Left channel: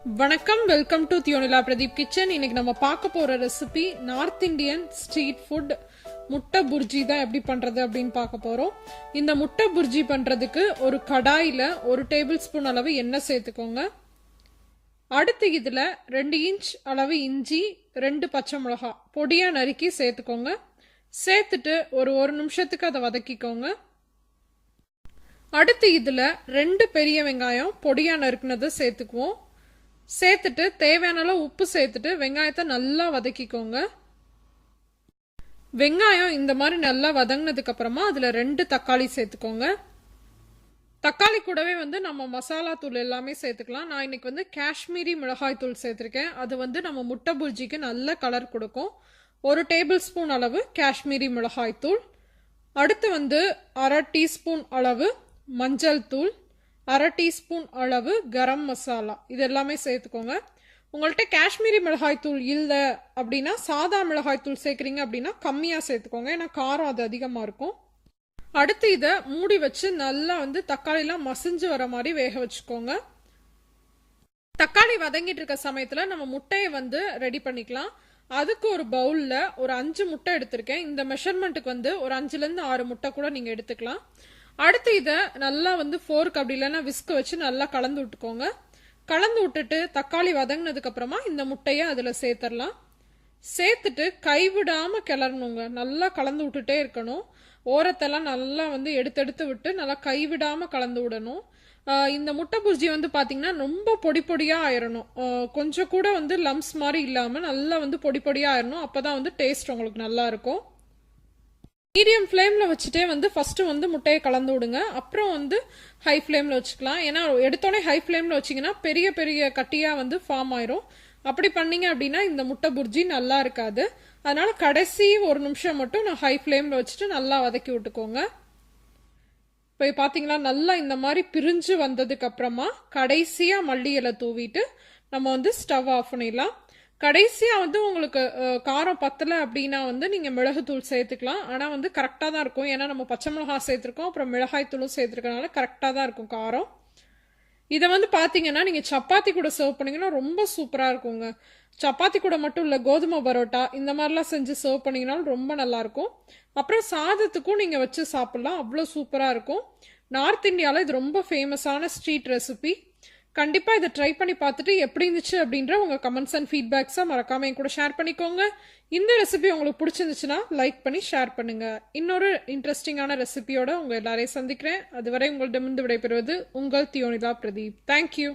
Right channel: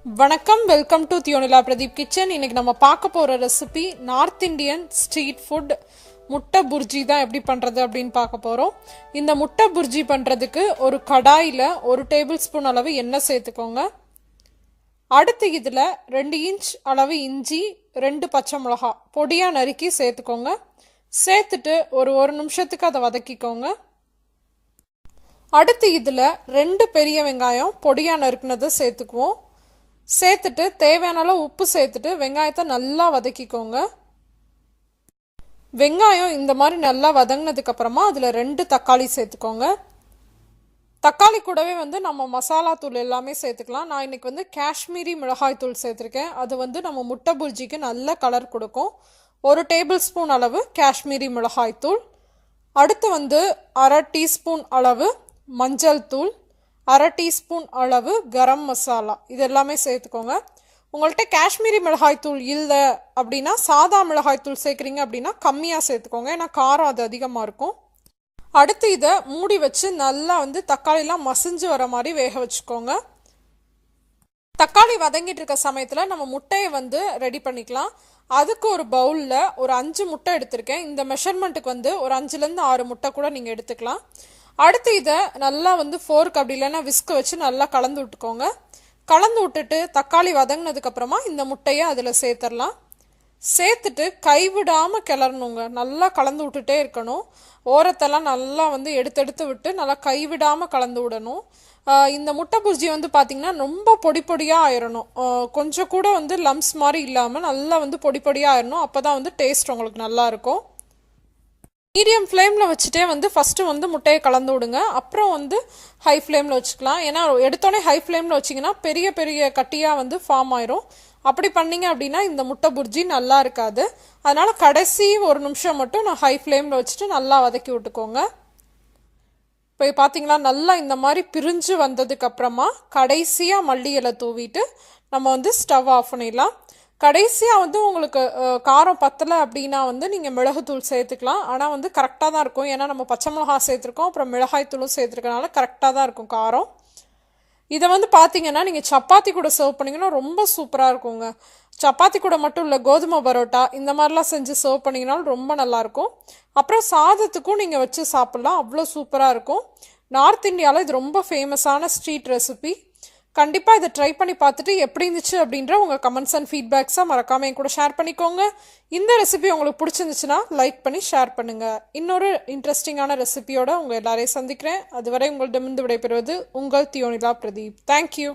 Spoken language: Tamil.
வணக்கம், வெல்கம் டு thiyonilapradeep கிச்சன். இன்னைக்கு நம்ம பார்க்க போற recipe north Indian street food முட்டை புர்ஜி தான் எப்படி பண்றது அப்படின்னு பார்க்க போறோம். இந்த முட்டை புர்ஜி பண்றதுக்கு ஒரு கடாயில 1 டேபிள் ஸ்பூன் அளவு எண்ணெய் சேர்த்துக்கோங்க. அடுத்து இதுல 2 இன்ச் அளவு இஞ்சி, 2 பச்சை மிளகாய் பொடியா நறுக்கி சேர்த்துக்கோங்க. சேர்த்துட்டு ஒரு நிமிஷத்துக்கு அதை வதக்கிக்கோங்க. அடுத்து இதுல 2 பெரிய வெங்காயம் பொடியா நறுக்குனதை சேர்த்துக்குவோம். சேர்த்துட்டு தேவையான அளவு உப்பு சேர்த்துட்டு வெங்காயத்தை நல்லா வதக்கிக்கோங்க. வெங்காயம் இந்த மாதிரி நல்லா வதங்கினதுக்கு அப்புறமா அதுல 2 தக்காளி சேர்த்துக்கோங்க. தக்காளி கூடவே நம்ம மசாலா தூள் எல்லாமே சேர்த்துக்கலாம். நான் இன்னைக்கு காஷ்மீரி மிளகாய் தூள் சேர்த்துருக்கேன். அது நம்ம முட்டை புர்ஜிக்கு நல்ல கலர் கொடுக்கும். 1 டேபிள் ஸ்பூன் அளவு காஷ்மீரி மிளகாய் தூள். அடுத்து 1/2 டீஸ்பூன் அளவு மஞ்சள் தூள், 1/2 டீஸ்பூன் அளவு கரம் மசாலா, இது எல்லாமே சேர்த்துக்கோங்க. உங்கள்கிட்ட காஷ்மீரி மிளகாய் தூள் இல்லை அப்படின்னா சாதா மிளகாய் தூள் சேர்க்குறீங்க அப்படின்னா கம்மியாக சேர்த்துக்கோங்க, ஏன்னா காரம் அது அதிகமாக இருக்கும். அடுத்து இதை மூடி வச்சு நல்லா தக்காளிலாம் மசிஞ்சு வர மாதிரி வேக வச்சுக்கோங்க. தக்காளி வதங்கிட்டு இருக்க சமயத்தில் நம்ம முட்டையை ரெடி பண்ணிக்கலாம். அதுக்கு ஒரு பவுலில் ஒரு 5 முட்டை எடுத்திருக்கேன். இந்த மெஷர்மெண்ட்டுக்கு ஒரு 5லேருந்து 6 முட்டை கூட நீங்கள் எடுத்துக்கலாம். அடுத்து இதை நல்லா ஃபோர்க் அப்படி இல்லைன்னா விஸ்க் வச்சு நல்லா கலந்து விட்டுக்கோங்க. கலந்து விட்டுட்டு தக்காளி வதங்கினதுக்கு அப்புறமா இந்த முட்டையை அதில் சேர்த்துடலாம். சேர்த்துட்டு கைவிடாமல் கிளறணுங்க. நல்லா கலந்து விட்டுட்டே இருக்கணும். ஓரத்தெல்லாம் நல்லா எடுத்து விட்டு நல்லா கைவிடாமல் கலந்து விடணும். இந்த முட்டை புர்ஜி பார்த்தீங்கன்னா ரொம்ப பொடி பொடியாக ஆயிடணும். கொஞ்சம் கூட லம்ஸ் மாதிரி இல்லாமல் நல்லா பொடி பொடியாக ஆயிடணும். அப்போ தான் டேஸ்ட் உங்களுக்கு நல்லா இருக்கும். மீடியம் ஃப்ளேமில் வச்சுட்டே ஃபஸ்ட்டு முட்டையை கலந்து விடுங்க. அப்புறம் ஹை ஃப்ளேமில் வச்சுக்கலாம். ஏன்னா எடுத்தோடனே ஹை ஃப்ளேமில் வச்சிங்கன்னா பெரிய பெரிய கட்டியாக ஃபார்ம் ஆயிரும். அப்படி பண்ணிங்க அப்படின்னா இந்த முட்டை புர்ஜி நல்லா இருக்காது. அதனால் கடைசி 1 நிமிஷம் மட்டும் நான் ஹை ஃப்ளேமில் வச்சுட்டு நல்லா வதக்கி விட்டுக்கோங்க. இப்போ பார்த்தீங்களா, நல்லா இந்த மாதிரி பிரிஞ்சு வந்ததுக்கு அப்புறமா கடைசியாக மல்லி இலை தூவிட்டு நம்ம ஸ்டவ் ஆஃப் பண்ணிடலாம். கடைசியாக உங்களுக்கு காரம் பத்தலை அப்படின்னா நீங்கள் மிளகுத்தூள் சேர்த்துக்கலாம். ஆனால் கரெக்டாக தான் இருக்கும். ஏன்னா நம்ம பச்சை மிளகாய் சேர்த்துருக்கோம், அப்புறம் மிளகாய் தூளும் சேர்த்துருக்கனால கரெக்டாக தான் இருக்கும் காரம். இதை பார்த்தீங்கன்னா நீங்கள் சப்பாத்தி கூட சர்வ் பண்ணிங்கன்னா ரொம்ப சூப்பராக இருக்குங்க. சப்பாத்தி கூட மட்டும் இல்லை, கோதுமை பரோட்டா இந்த மாதிரிலாம் செஞ்சு சர்வ் பண்ணிங்கனாலும் ரொம்ப நல்லாயிருக்கும். அப்புறம் சாதத்துக்கும் நீங்கள் வச்சு சாப்பிட்லாம், அவ்வளோ சூப்பராக இருக்கும். நார்த் இந்தியாவில் இது ரொம்ப ஃபேமஸான ஸ்ட்ரீட் ரெசிபி. கண்டிப்பாக இதை ட்ரை பண்ணி பார்த்துட்டு எப்படி இருந்துச்சு அப்படின்ற உங்கள் கமெண்ட்ஸ் அண்ட் ஃபீட்பேக்ஸை மறக்காமல் என் கூட ஷேர் பண்ணிக்கோங்க. இந்த ரெசிபி உங்களுக்கு பிடிச்சிருந்துச்சுன்னா லைக் பண்ணி ஷேர் பண்ணுங்கள். இன்னொரு இன்ட்ரெஸ்டிங்கான ரெசிபியோட உங்கள் எல்லாரையும் சந்திக்கிறேன். அதுவரை உங்களிடமிருந்து விடைபெறுவது உங்கள் தியோனிலா பிரதீப். தேங்க்யூ.